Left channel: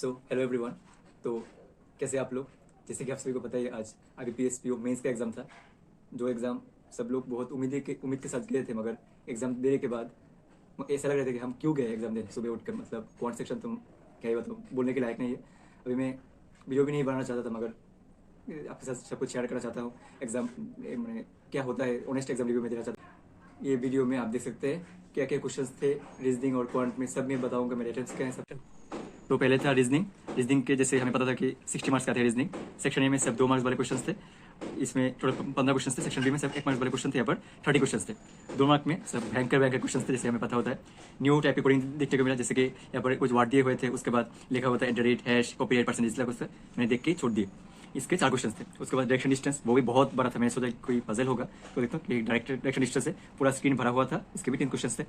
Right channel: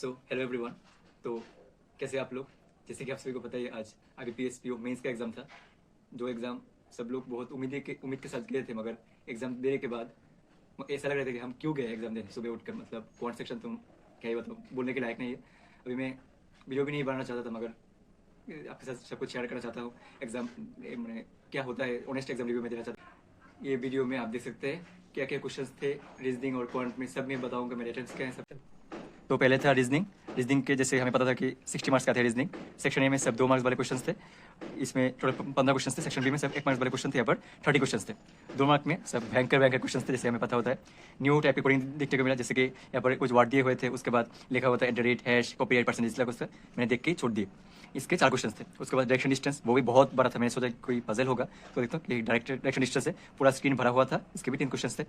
Hello everyone. तो कैसे आप लोग? जैसे कि आप सभी को पता है, आज IBPS PO मेंस का एग्ज़ाम था। जो एग्ज़ाम सब लोग बहुत उम्मीद के साथ गए थे, मगर एग्ज़ाम देने के बाद ऐसा लग रहा था कि हम क्यों गए एग्ज़ाम देने सुबह उठकर। मतलब कौन सेक्शन तो क्या ही बताऊँ, बोलने के लायक नहीं है। अभी मैं वीडियो भी नहीं बनाना चाहता था, मगर आपके साथ सब कुछ शेयर करना चाहता हूँ। एग्ज़ाम मैंने क्या होता है, ऑनेस्ट एग्ज़ाम रिव्यू में देना चाहता हूँ। ये वीडियो में आप देख सकते हैं क्या क्या क्वेश्चन थे। रीजनिंग और क्वांट में सब में बताऊँगा मेरे अटेम्प्ट्स क्या है सब। तो पहले था रीजनिंग। रीजनिंग के जैसे हमें पता था कि 60 मार्क्स का थे रीजनिंग। सेक्शन ए में सब 2 मार्क्स वाले क्वेश्चन थे। इसमें टोटल 15 क्वेश्चन थे। सेक्शन बी में सब 1 मार्क्स वाले क्वेश्चन थे। यहाँ पर 30 क्वेश्चन थे। 2 मार्क में सब भयंकर भयंकर क्वेश्चन थे, जैसे हमें पता होता है। न्यू टाइप की कोडिंग देखने को मिला, जैसे कि यहाँ पर कुछ वर्ड दिए हुए थे, उसके बाद लिखा होता है @ हैश कॉपीराइट परसेंटेज लगा, उसका मैंने देख के छोड़ दिए। इसके 4 क्वेश्चन थे। उसके बाद डायरेक्शन डिस्टेंस, वो भी बहुत बड़ा था। मैंने सोचा कोई पजल होगा, तो देखता हूँ डायरेक्शन डिस्टेंस से पूरा स्क्रीन भरा हुआ था। इसके भी 3 क्वेश्चन थे।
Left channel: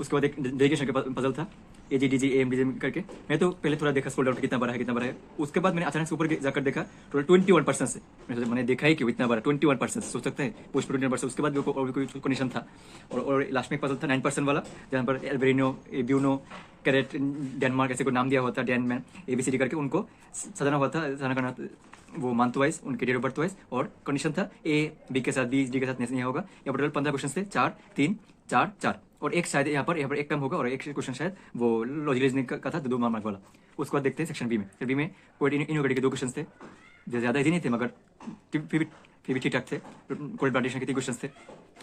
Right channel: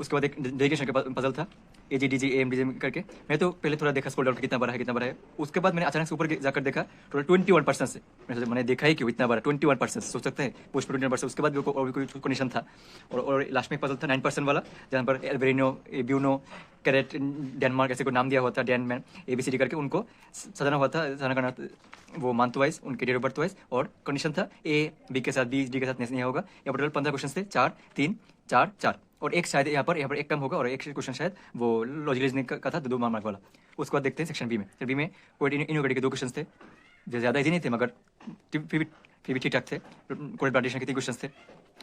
उसके बाद एक डेरिवेशन का पजल था, AGDG AMDG करके। मैं तो पहले थोड़ा देखा स्क्रॉल डाउन कितना बड़ा है कितना बड़ा है। उसके बाद मैंने अचानक से ऊपर जाकर देखा टोटल 21% से। मैंने देखा ही क्यों इतना बड़ा 21%, सोच सकते हैं पोस्ट 21%। उसके बाद भी और भी कोई कंडीशन था। और लास्ट में एक पजल था 9% वाला, जहाँ पर एल्बेरिनो, ब्यूनो, कैरेट, डेनमार्क ऐसे को नाम दिया हुआ था, डेन में ABCD करके उनको सजाना हुआ था। सजाना करना वो मंथ वाइज, उनके डेट ऑफ बर्थ वाइज। और कंडीशन था A B के साथ B D के साथ नहीं होगा। यहाँ पर टोटल 15 क्वेश्चन थे, 4 3 4 4। और एक शायद यहाँ पर एक कम होगा, और एक क्वेश्चन शायद वो लॉजिक रीजनिंग का था, 2 मार्क वाला। उसके बाद देखते हैं सेक्शन बी में। सेक्शन बी में कोई इनोवेटिव के 2 क्वेश्चन थे, जो ज़्यादा इजी नहीं थे, मगर फिर भी ठीक ठाक थे। कोई प्लांटेशन के 3 क्वेश्चन थे।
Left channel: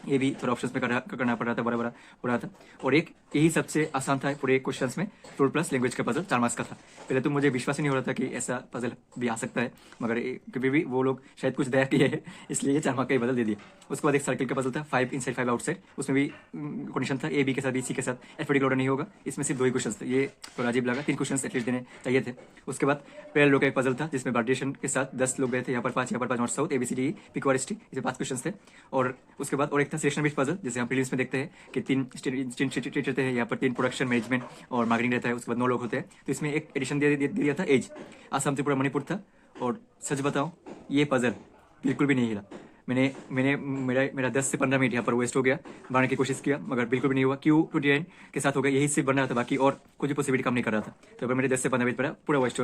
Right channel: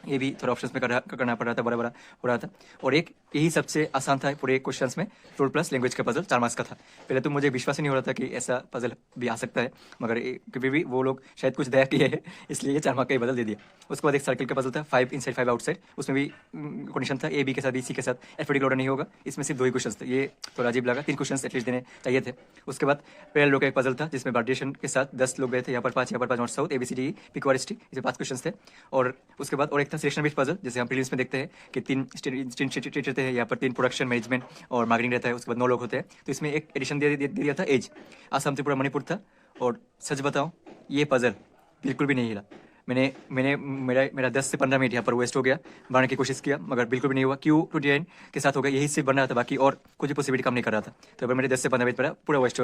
ये भी थोड़ा ऑप्शंस में करना पड़ रहा था, बड़ा बड़ा हो रहा था। और एक यही सबसे आसान था पूरे क्वेश्चंस में, फ्लोर प्लस लैंग्वेज का पजल 4 मार्क्स का था। पहले तो मुझे विश्वास ही नहीं हो रहा था कि ऐसा पजल भी आ सकता है, मगर कभी भी वो लोग शायद कुछ दया किए है, इसलिए ये 4 मार्क का ही बदल दे दिया। उसके बाद एक सर्किल का पजल था, 5 इनसाइड 5 आउटसाइड। उसमें भी कंडीशन था A B के साथ B C के साथ अल्फाबेटिक ऑर्डर नहीं होगा। इसमें सिर्फ 2 ही क्वेश्चन थे, ये थोड़ा अजीब लगा। 3 क्वेश्चन एटलीस्ट देने चाहिए थे। उसके बाद पैरेलल का एक पजल था, जिसमें बार्टिशन के साथ 10 लोग गए थे। यहाँ पर 5, यहाँ पर 5 नॉर्थ साउथ ABCD PQRST, इसे 5 क्वेश्चन थे। और उसके बाद और एक था सिलेक्शन बेस्ड पजल, जैसे हम प्रीलिम्स में देखते हैं कि 3 स्टेट रहते हैं। यहाँ पर 3 प्रोडक्शन, मैनेजमेंट और मार्केटिंग रहता है। उसके बाद 9 लोग होते हैं। तो इसमें एक एडिशन दे दिया था एज। आसाम त्रिपुरा मणिपुर था। और सच बताऊं, ये पजल बिल्कुल भी नहीं हिला। मैंने मैंने मेरा मेरा 10 से 15 मिनट यहाँ पर वेस्ट हो गया। बनाने की कोशिश किया, मगर बिल्कुल भी नहीं हुआ। Q29 के साथ हो गया, यही सिर्फ बन रहा था, बाकी और कुछ भी पॉसिबिलिटी काम नहीं कर रहा था। तो अगर मेरे 10 से 15 मिनट पर पूरा वेस्ट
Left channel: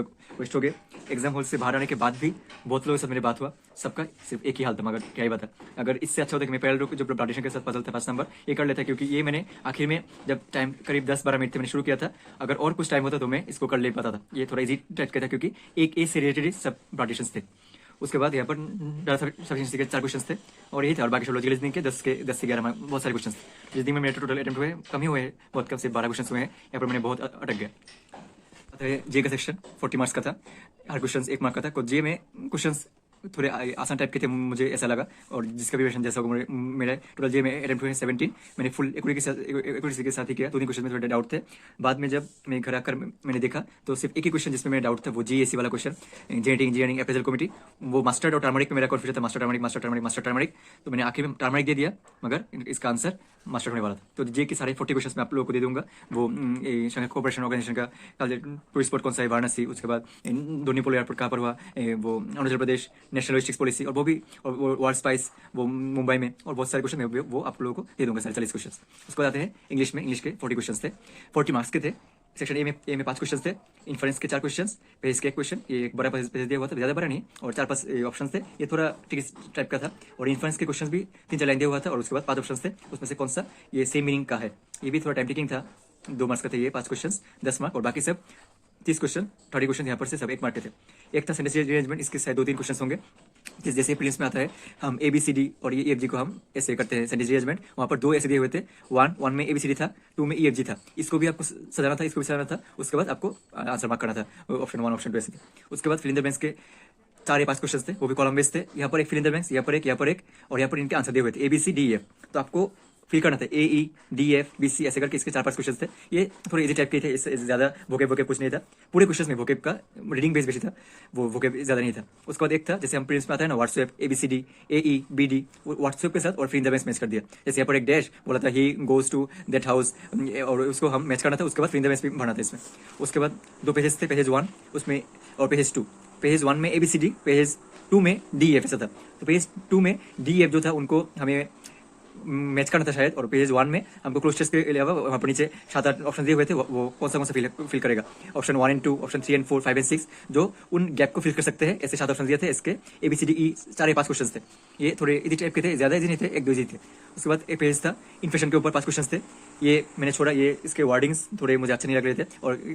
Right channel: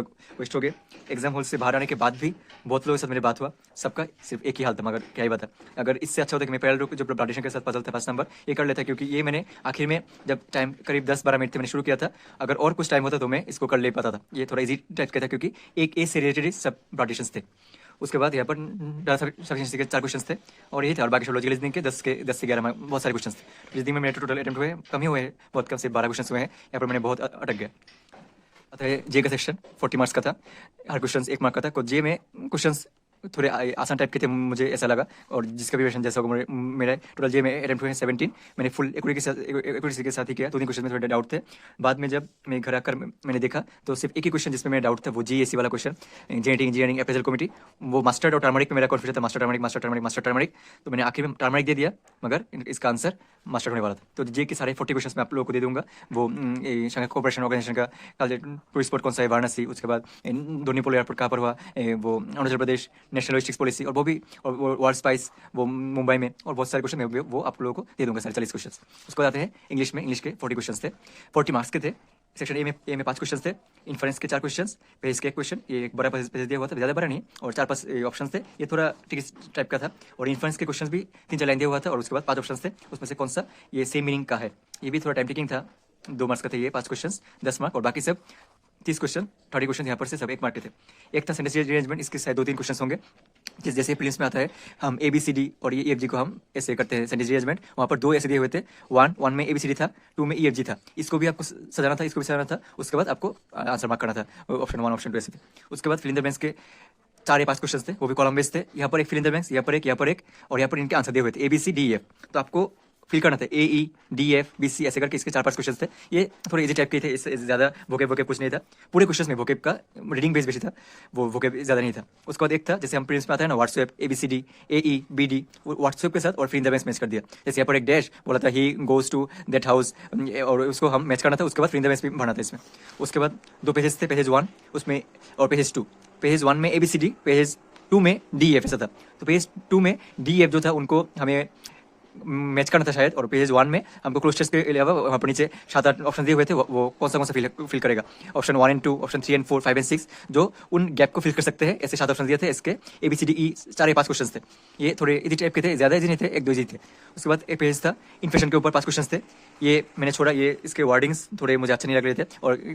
हो गए। एग्जाम हॉल से बाहर आने के बाद भी बहुत लोगों के साथ मेरी बात हुआ, सबका सिर्फ एक ही हाल था, मगर क्या ही बता। अगर इससे अच्छा होता कि मैं पैरेलल जो प्लांटेशन के साथ पजल था 5 नंबर, ये कर लेता, क्योंकि ये मैंने आखिर में जब टाइम करीब 10-12 मिनट थे मैंने शुरू किया था। अगर और कुछ टाइम होता तो मैं इसको कर ले पाता था। ये थोड़ा इजी टाइप का था, क्योंकि एक ए से रिलेटेड सब प्लांटेशन थे। उसके बाद यहाँ पर सफिशिएंसी के 4 क्वेश्चन थे, और यही था। और बाकी सब लॉजिकल रीजनिंग के 10 से 11 में बहुत सारे क्वेश्चन थे। रीजनिंग में मेरे टोटल अटेम्प्ट हुए कम ही हुए, बहुत कम, सिर्फ 12 क्वेश्चन हुए हैं। यहाँ पर मैंने बहुत अटक गया। आता है जे का सेक्शन, 40 मार्क्स का था। हर क्वेश्चन 1 मार्क का था। तो जे में क्वेश्चन थोड़े आसान टाइप के थे, मुझे ऐसा लगा। और जिसका भी क्वेश्चन जैसा होगा, मेरा टोटल जे में अटेम्प्ट हुए 17। मैंने फुल एक्यूरेसी के साथ ही किया। 2 क्वेश्चन में थोड़े डाउट थे। बाद में जब मैं घर आकर मैंने देखा, तो सिर्फ एक ही क्वेश्चन जिसमें मेरा डाउट था, वो GSC वाला question, genetic engineering appraisal committee. वो मास्टर्ड और टर्मरिक में मेरा कॉन्फ्यूजन था, मास्टर टर्मरिक। तो मैंने आखिर में टर्मरिक दे दिया, मगर इसका आंसर मास्टर होने वाला था। तो जे के सारे 40 क्वेश्चन मैं आप लोगों को दे दूंगा। वो शंघाई कोऑपरेशन ऑर्गेनाइजेशन का टूरिस्ट स्पॉट कौन सा है, वाराणसी। उसके बाद दोनीपोल एयरपोर्ट कहाँ पर हुआ, वो Arunachal Pradesh, national logistics policy, और वो भी, और वर्ल्ड स्पाइस वो मुंबई में। और बहुत सारे क्वेश्चन मैं वो आप लोगों को दे दूंगा, सारे 40 क्वेश्चन। उसके बाद आते हैं इंग्लिश में। इंग्लिश के 40 क्वेश्चन थे, 40 मार्क्स के थे। सेक्शन ए में 5 क्वेश्चन थे। इन्फ्रेंस के 4 क्वेश्चन, पेज के 1 क्वेश्चन। ये एक बड़ा पेज दिया हुआ था, ज़्यादा बड़ा नहीं, और 4-5 ऑप्शन थे। ये थोड़ा ट्रिकी टाइप का था। और इन्फ्रेंस के क्वेश्चन भी 3-4 लाइन दिया हुआ था। और उसके बाद 5 ऑप्शन थे, उसमें से कौन सा ये सेम मीनिंग का है। ये भी थोड़ा टाइम टेकिंग था। 2 मार्क्स का थे ये 5 क्वेश्चन, 10 मार्क। और बाकी सब 30 क्वेश्चन, 30 क्वेश्चन यहाँ पर से सब 1 मार्क के थे। एक था सेंटेंस अरेंजमेंट, इसके शायद 2-3 क्वेश्चन होंगे। जैसे प्रीलिम्स में आता है, हम ABCD और EFG को हम ऐसे करते हैं सेंटेंस अरेंजमेंट। वहाँ पर 2 ऐसे दिए हुए थे, 1 में ABCD था, 2 में EFG था। इसको भी आपको सजाना था, इसको भी सजाना था। उसके बाद आपको आंसर मार्क करना था, ऑप्शन 1 ऑप्शन 2 ऐसे थे। उसके बाद फिल इन द ब्लैंक्स के 4 या 5 क्वेश्चन थे, वो भी कॉलम बेस्ड थे। यहाँ पर एक फिल इन द ब्लैंक्स, यहाँ पर एक, यहाँ पर एक, और यहाँ पर इनके आंसर दिए हुए थे ABCDEF। तो आपको फिल करना था AEDFBC ऐसे करके। इसके 4-5 क्वेश्चन थे। ये थोड़े इजी टाइप के थे, इससे ज़्यादा वोकेब कुछ नहीं था। पूरे क्वेश्चन में वोकेब का रीडिंग बेस बेसी था, वो वोकेब ज़्यादा नहीं था। उसके बाद एक था, जैसे हम प्रीलिम्स में आता है ना, व्हाट्सएप ABCD AEBD, व्हाट्सएप के साथ और fill in the blanks match कर दिया। जैसे यहाँ पर एक डैश बोला था, he goes to that house, और उसको हम मैच करना था। उसके बाद फिल इन द ब्लैंक्स भी भरना था इसमें। उसके बाद 2 पेजेस थे, पेज 1 उसमें और पेज 2। पेज 1 में ABCD, पेज 2 में DEF ऐसा था। तो पेज 2 में DEF जो था, उनको हमें मैच करना था शायद, और पेज 1 में हमको क्लोज के अलावा वहाँ पर नीचे 7-8 ऑप्शन दिए हुए थे, वो कौन सा फिल करेगा, option 1 and 2, option 3 and 4, 5 and 6, जो उन गैप को फिल कर सकते हैं। ऐसे 7 ऑप्शन दिए थे, इसके ABCDE 4 या 5 क्वेश्चन थे। ये थोड़े इजी टाइप के थे, ज़्यादा इजी नहीं थे, 1-2 इजी थे। उसके बाद एक पेज था इन्फ्लेशन के ऊपर, 5 क्वेश्चन थे, ये मैंने छोड़ा। ये इसके वर्डिंग्स थोड़े मुझे अच्छे नहीं लग रहे थे,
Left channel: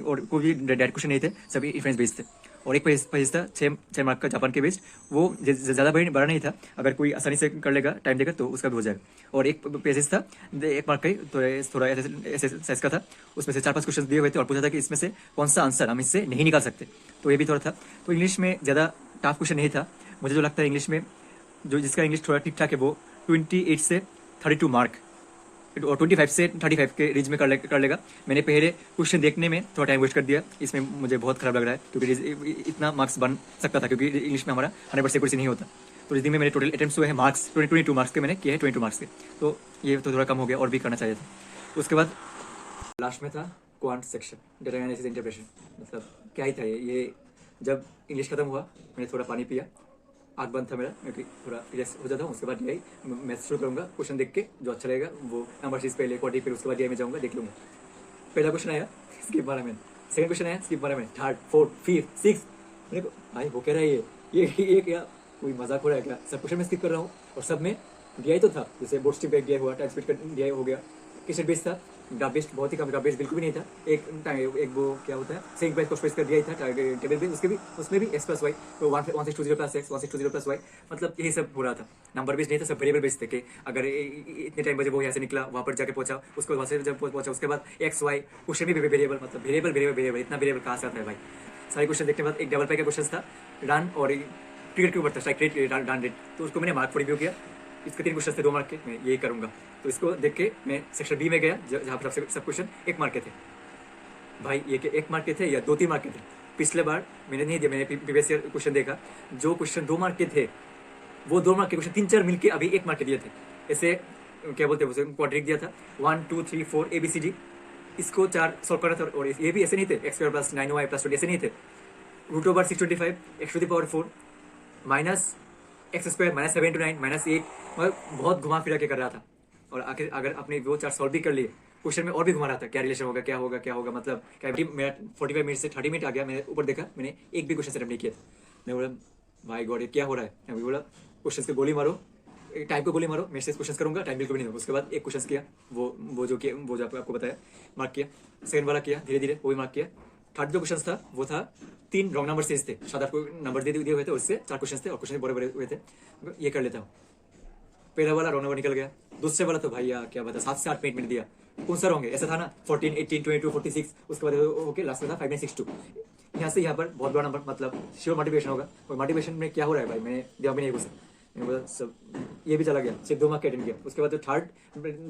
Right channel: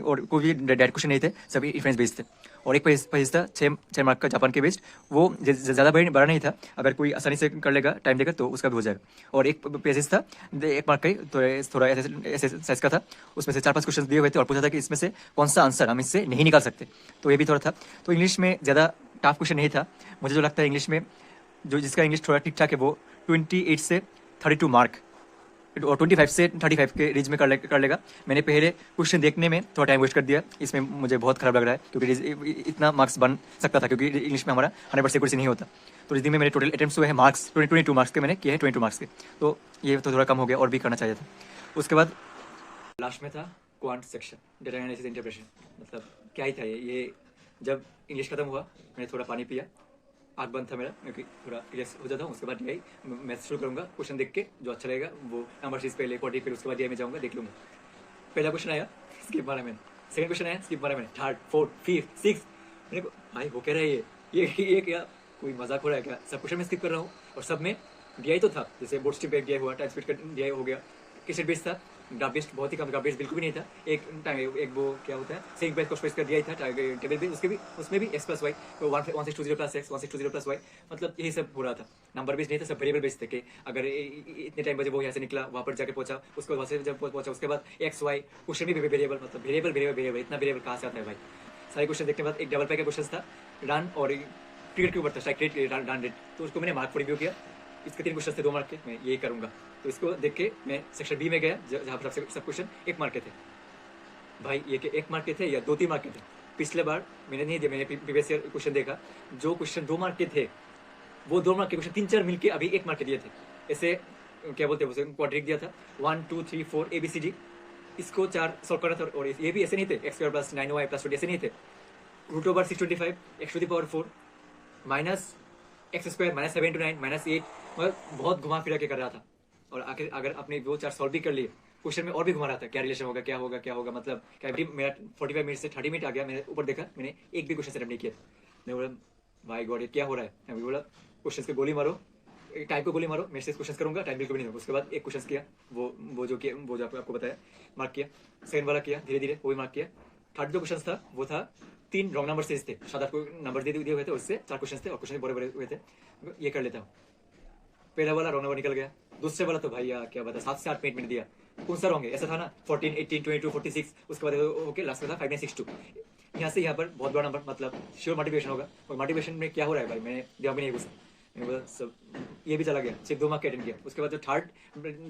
और कोई भी डायरेक्ट क्वेश्चन नहीं थे, सभी इन्फ्लुएंस बेस्ड थे। और एक पेज था 6 मार्क का जापान के बेस्ड, वो ज़्यादा बड़ा नहीं था, अगर कोई आसानी से कर लेगा टाइम देकर तो उसका भी हो जाएगा। और एक पेजेस था 1 मार्क का ही, तो थोड़ा ऐसे साइज का था, उसमें से 4-5 क्वेश्चन दिए हुए थे और पूछा था कि इसमें से कौन सा आंसर हम इससे नहीं निकाल सकते, तो ये भी थोड़ा था। तो इंग्लिश में ज़्यादा टफ क्वेश्चन नहीं था मुझे जो लगता है। इंग्लिश में जो जिसका इंग्लिश थोड़ा ठीक ठाक है वो 28 से 32 मार्क और 25 से 35 के रेंज में कर लेगा। मैंने पहले क्वेश्चन देखने में थोड़ा टाइम वेस्ट कर दिया, इसमें मुझे बहुत खराब लग रहा है, क्योंकि इतना मार्क्स बन सकता था, क्योंकि इंग्लिश में हमारा 100% क्वेश्चन नहीं होता। तो रिजनिंग में मेरे टोटल अटेम्प्ट्स हुए हैं मार्क्स 22 मार्क्स के, मैंने किए हैं 22 मार्क्स के, तो ये तो थोड़ा कम हो गया, और भी करना चाहिए था। उसके बाद लास्ट में था quant section, data analysis interpretation, मतलब क्या ही था ये। जब इंग्लिश खत्म हुआ मैंने थोड़ा पानी पिया, आग बंद था मेरा, क्योंकि थोड़ा रिलैक्स हो जाता हूँ। उसके बाद यही मैथ शुरू करूँगा, क्वेश्चन देख के जो अच्छा लगेगा वो नंबर सीरीज पहले क्वाड्री, फिर उसके बाद ये में जाऊँगा, देख लूँगा। पहला क्वेश्चन आया, स्किप मारा मैंने। सेकंड क्वेश्चन आया, स्किप मारा मैंने। थर्ड, फोर्थ, फिफ्थ, सिक्स, मेरे को भाई वो कह रहा है ये क्या कोई मजाक हो रहा है क्या? सब क्वेश्चन में स्किप कर रहा हूँ, और सब में DI तो था, जैसे बोर्ड स्ट्रीम पे DI हुआ, टाइम स्पीड का DI हो गया, क्वेश्चन बेस था, ग्राफ बेस्ड बहुत ही कम, ग्राफ बेस्ड बिल्कुल भी नहीं था। एक वो क्या होता है सेक बेस को का DI था, टेबल बेस, उसमें भी x + y, 1620 + x, 1620 + y, मतलब यही सब हो रहा था। नंबर बेस्ड नहीं था, सब वेरिएबल बेस्ड थे कि अगर इतने टाइम बजे वो यहाँ से निकला, वहाँ पर जाके पहुंचा, उसके बाद वहाँ से जब पहुंचा, उसके बाद x y क्वेश्चन भी वेरिएबल, मतलब वेरिएबल, इतना वेरिएबल कहाँ से आता है भाई? सारे क्वेश्चन देखने के बाद एक डबल पाई का क्वेश्चन था, रन और क्रिकेट के ऊपर था, स्ट्राइक रेट, रन रेट, तो उसको मैंने मार्क फॉर रिव्यू किया। इसके 3 क्वेश्चन थे 2 मार्क के, मैं यही करूंगा। तो इसको देख के मैं सेक्शन B में गया, जहाँ पर सब क्वेश्चन 1 मार्क के थे। भाई ये के 1 मार्क के थे या 2-3 मार्क के थे? पिछले बार मैंने नहीं दिया, मैंने प्रीवियस ईयर क्वेश्चन देखा, जो क्वेश्चन 2 मार्क के थे वो 2 मार्क के क्वेश्चन 3-4 मिलके अभी 1 मार्क के दिए थे। ऐसे क्या बोलते हैं उसे, क्वाड्रिक दिया था, 1 2 3 4 ABCD, इसको 4 सॉल्व करना था। और ये भी ऐसे नहीं थे x² + 9y + 20, ऐसे नहीं थे। √625 x⁴ माइनस x² -7 × 9 -8, मतलब बहुत घुमा फिरा के कर रहा था। और आखिर अगर आपने वो 4 सॉल्व भी कर लिए, क्वेश्चन में और भी घुमा रहा था, क्या रिलेशन होगा, क्या होगा, मतलब क्या मेरा 45 मिनट से 30 मिनट आ गया। मैंने ऊपर देखा, मैंने एक भी क्वेश्चन सेटअप नहीं किया था। मैं बोला भाई गॉड ये क्या हो रहा है? मैं बोला क्वेश्चन को गोली मारो, टाइम को गोली मारो, मैं से क्वेश्चन करूंगा, टाइम बिल्कुल भी नहीं होगा। उसके बाद एक क्वेश्चन किया, वो जो आपको बताया, मार्क किया। सेकंड वाला किया, धीरे धीरे वो भी मार्क किया। थर्ड जो क्वेश्चन था वो था 3 रॉन्ग नंबर से थे, 7-8 को नंबर दिए हुए थे, उससे 4 क्वेश्चन थे, और क्वेश्चन बड़े हुए थे, ये कर लेता हूँ। पहला वाला रॉन्ग नंबर निकल गया। दूसरे वाला तो भाई यार क्या बता, 7 से 8 मिनट दिया, कौन सा रॉन्ग है? ऐसा था ना 14 18 22 46, उसके बाद ओके लास्ट में था 5 9 6 2। यहाँ से यहाँ पर बहुत बड़ा नंबर, मतलब श्योर मोटिवेशन होगा। और मोटिवेशन में क्या हो रहा है भाई, मैंने दिमाग में नहीं घुसा, मैंने बोला सब ये भी चला गया, सिर्फ 2 मार्क के अटेंड किया। उसके बाद जो थर्ड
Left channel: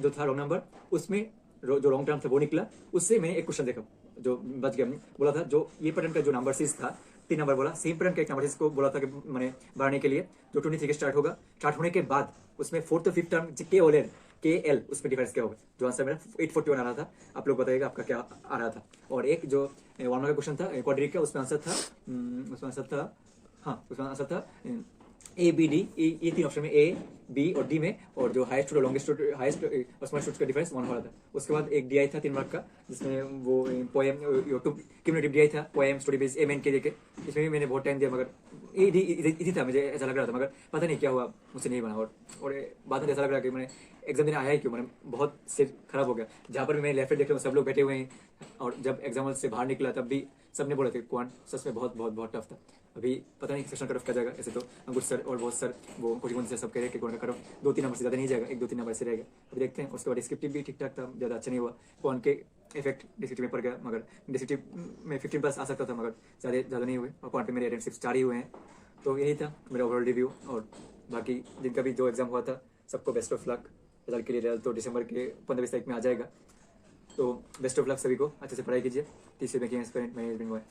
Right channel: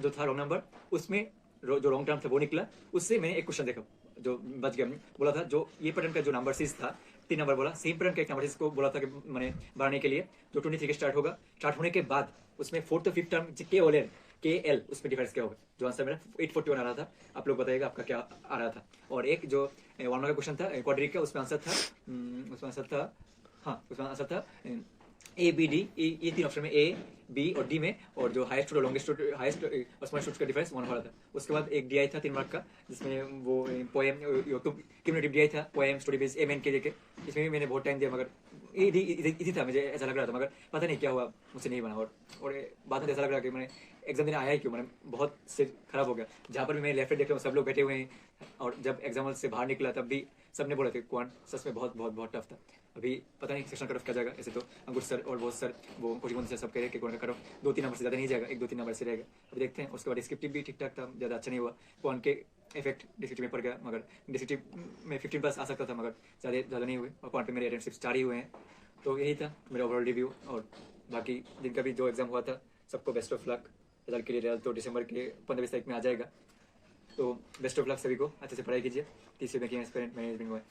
जो था रॉन्ग नंबर, उसमें जो रॉन्ग टर्म था वो निकला, उससे मैंने एक क्वेश्चन देखा जो बच गया। बोला था जो ये पैटर्न का जो नंबर सीरीज था, 3 नंबर बोला, सेम पैटर्न का एक नंबर सीरीज को बोला था कि मैंने बढ़ाने के लिए, जो 23 के स्टार्ट होगा, स्टार्ट होने के बाद उसमें 4th और 5th टर्म KL उसमें डिफरेंस क्या होगा। जो आंसर मेरा 841 आ रहा था, आप लोग बताइएगा आपका क्या आ रहा था। और एक जो 1 मार्क का क्वेश्चन था क्वाड्रिक का, उसमें आंसर था ABD, ये 3 ऑप्शन में A B और D में, और जो हाईएस्ट और लॉन्गेस्ट हाईएस्ट और स्मॉलेस्ट का डिफरेंस 1 हो रहा था। उसके बाद एक DI था 3 मार्क का, जिसमें वो पोएम क्यूमुलेटिव DI था, पोएम स्टोरी बेस MN के देके। इसमें भी मैंने बहुत टाइम दिया, मगर इजी था, मुझे ऐसा लग रहा था, मगर पता नहीं क्या हुआ, मुझसे नहीं बना। और बाद में ऐसा लग रहा कि मैंने एग्जाम देने आया ही क्यों, मैंने बहुत सिर खराब हो गया। जहाँ पर भी मैं लेफ्ट देख रहा हूँ, सब लोग बैठे हुए हैं, और जब एग्जाम से बाहर निकला तब भी सब ने बोला था क्वांट सच में बहुत टफ था। अभी पता नहीं सेक्शन कट ऑफ क्या जाएगा। ऐसे तो अंकुश सर और बहुत सर वो कोचिंग से सब कह रहे हैं कि क्वांट का कट ऑफ 2-3 नंबर से ज़्यादा नहीं जाएगा, 1-2-3 नंबर से रहेगा। अभी देखते हैं। उसके बाद डिस्क्रिप्टिव भी ठीक ठाक था, ज़्यादा अच्छा नहीं हुआ, क्वांट के इफेक्ट डिस्क्रिप्टिव में पड़ गया, मगर डिस्क्रिप्टिव में 15+ आ सकता था, मगर ज़्यादा नहीं हुए, और क्वांट पे मेरे अटेम्प्ट सिर्फ 4 ही हुए हैं। तो यही था मेरा ओवरऑल रिव्यू। और बाकी जिनका भी जो एग्जाम हुआ था सबको बेस्ट ऑफ लक। रिजल्ट के लिए रिजल्ट तो दिसंबर के 15-20 तारीख में आ जाएगा, तो बेस्ट ऑफ लक सभी को। अच्छे से पढ़ाई कीजिए। तीसरे में मैनेजमेंट में